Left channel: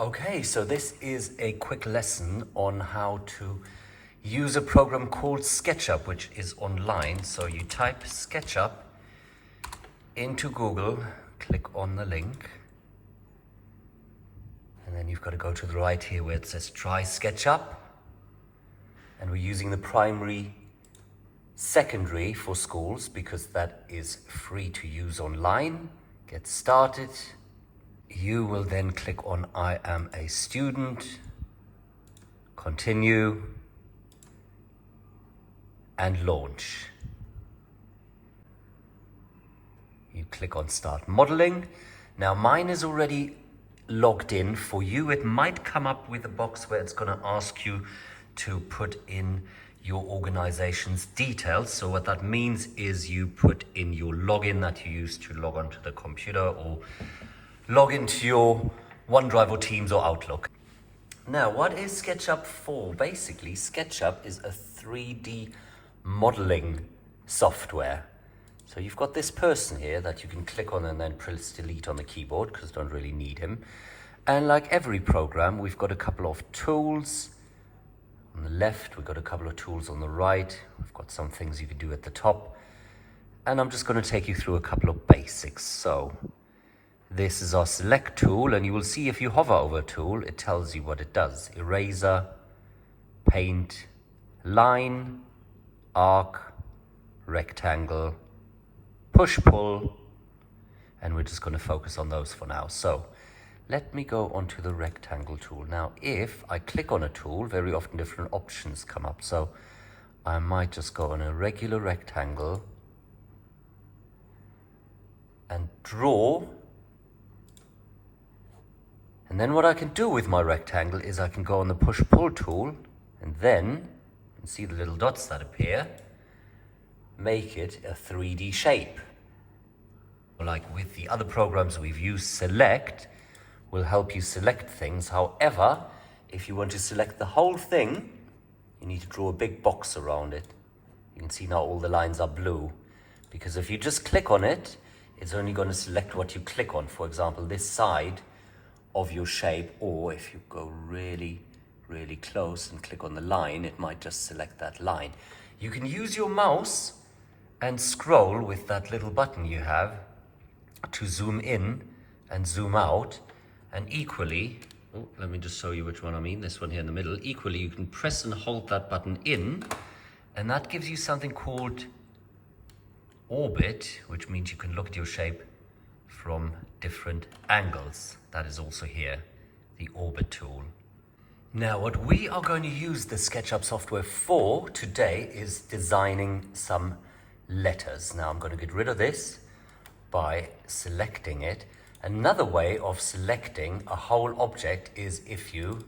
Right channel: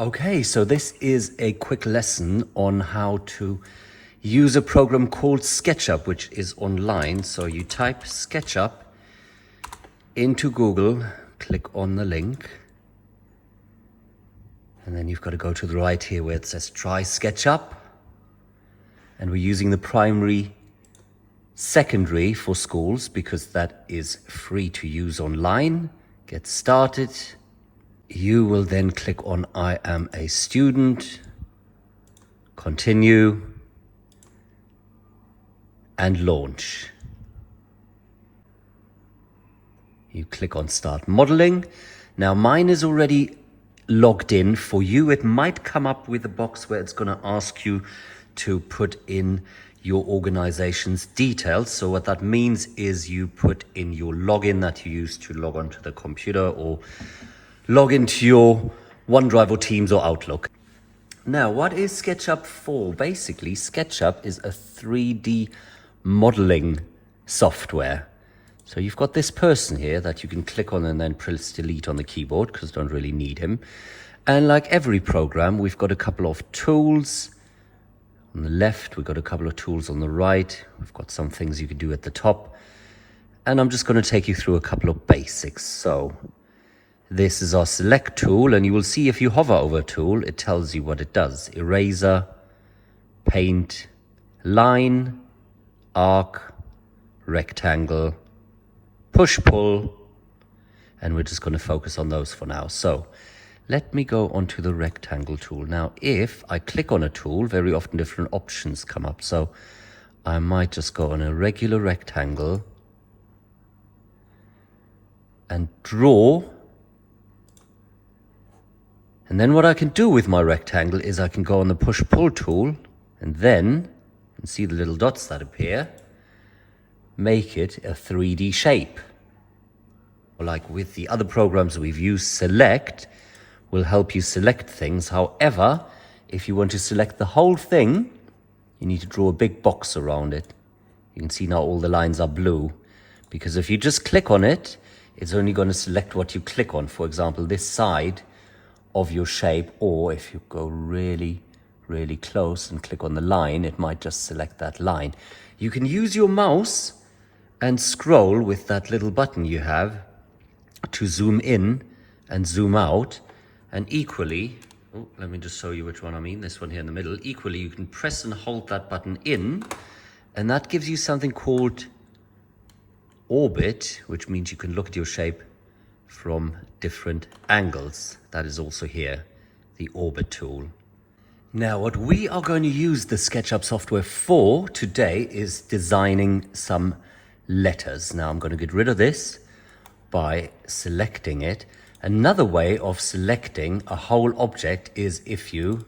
Okay, so this is a quick lesson on how to use a program called Sketchup, which is online. So you type Sketchup into Google, click on the link, and then you've got to go to the right here where it says try Sketchup. And we're using the primary, secondary for schools because that is free to use online. Get started. You will then click on I am a student, continue, and launch. You click on start modeling. Now mine is already logged in. For you, it might come up with a box where it's going to ask you to put in your organization's details. So what that means is you put in your login that you use to log onto the computer or log into your OneDrive or Teams or Outlook. Now, what is SketchUp for? Basically, SketchUp is a 3D modeling software. So you've got this person here that you can click on and then press delete on the keyboard because you don't really need him. And like every program, we've got a couple of tools. On the left, we've got a couple of tools on the right. We've got some things you can do at the top. And I'm just going to take you through a couple of basics. So this is our select tool, and you will see if you hover over a tool, it tells you what it does. Eraser, paint, line, arc, rectangle, push-pull, and we're just going to focus on those for now. So let me go onto the rectangle tool. Now, if I click on a tool, very often different options come up. So I might just go on a regular rectangle and draw. And then what I can do with my rectangle is I can go on the push-pull tool and then, you can see the little dots that appear, make it a 3D shape. Like with the other programs we've used, Select will help you select things. However, if you want to select the whole thing, you need to draw a big box around it. You can see now all the lines are blue, because if you just click on it, it's only going to select what you click on. For example, this side of your shape, or if you go really, really close and click on the line, it might just select that line. You can use your mouse and scroll with that little button you have to zoom in and zoom out. And equally, let me just show you which one I mean, this one here in the middle. Equally, you can press and hold that button in, and that gives you something called orbit, which means you can look at your shape from different angles. That is also here, the orbit tool. Now, what we are going to use the SketchUp software for today is designing some letters. Now, I'm going to get rid of this by selecting it. Another way of selecting a whole object is if you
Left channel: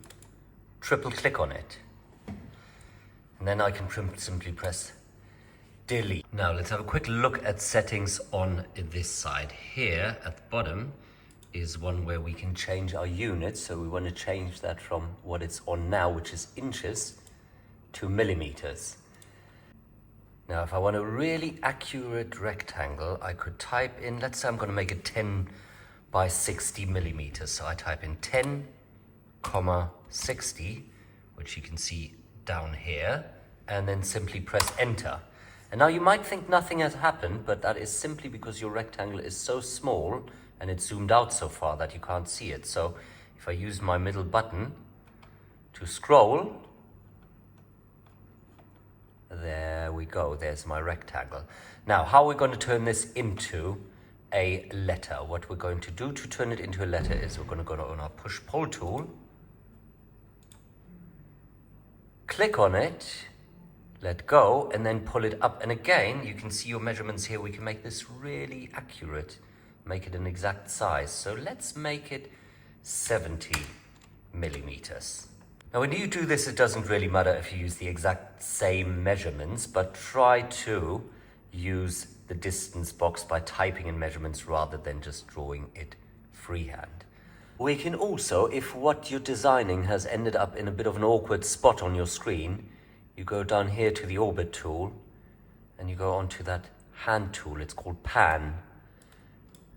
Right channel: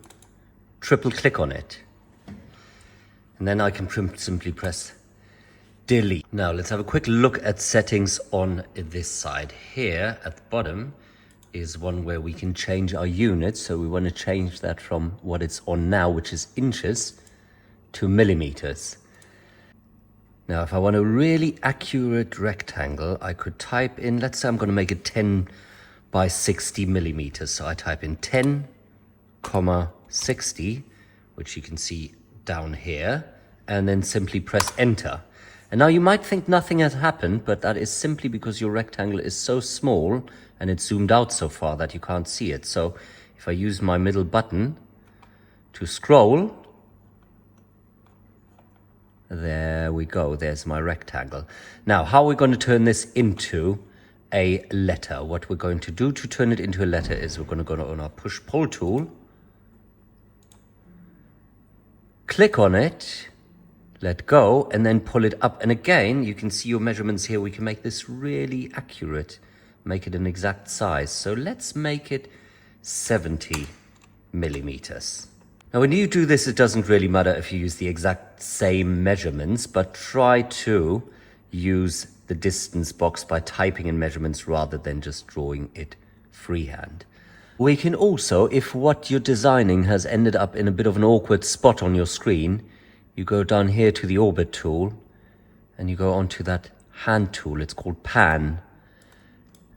triple click on it. And then I can simply press delete. Now let's have a quick look at settings on this side. Here at the bottom is one where we can change our units. So we want to change that from what it's on now, which is inches, to millimeters. Now if I want a really accurate rectangle, I could type in, let's say I'm going to make it 10 by 60 millimeters. So I type in 10, 60, which you can see down here, and then simply press enter. And now you might think nothing has happened, but that is simply because your rectangle is so small and it's zoomed out so far that you can't see it. So if I use my middle button to scroll, there we go, there's my rectangle. Now, how are we going to turn this into a letter? What we're going to do to turn it into a letter is we're going to go on our push-pull tool, click on it, let go, and then pull it up. And again, you can see your measurements here. We can make this really accurate, make it an exact size. So let's make it 70 millimeters. Now, when you do this, it doesn't really matter if you use the exact same measurements, but try to use the distance box by typing in measurements rather than just drawing it freehand. We can also, if what you're designing has ended up in a bit of an awkward spot on your screen, you go down here to the orbit tool and you go onto that hand tool. It's called pan.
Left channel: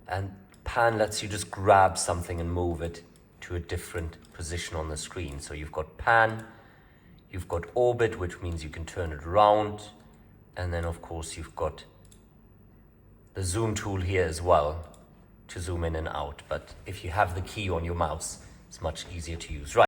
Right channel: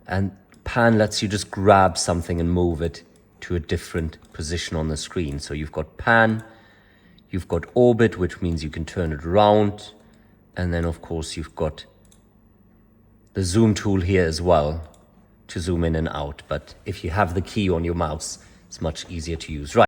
And pan lets you just grab something and move it to a different position on the screen. So you've got pan, you've got orbit, which means you can turn it around. And then of course you've got the zoom tool here as well to zoom in and out. But if you have the key on your mouse, it's much easier to use. Right.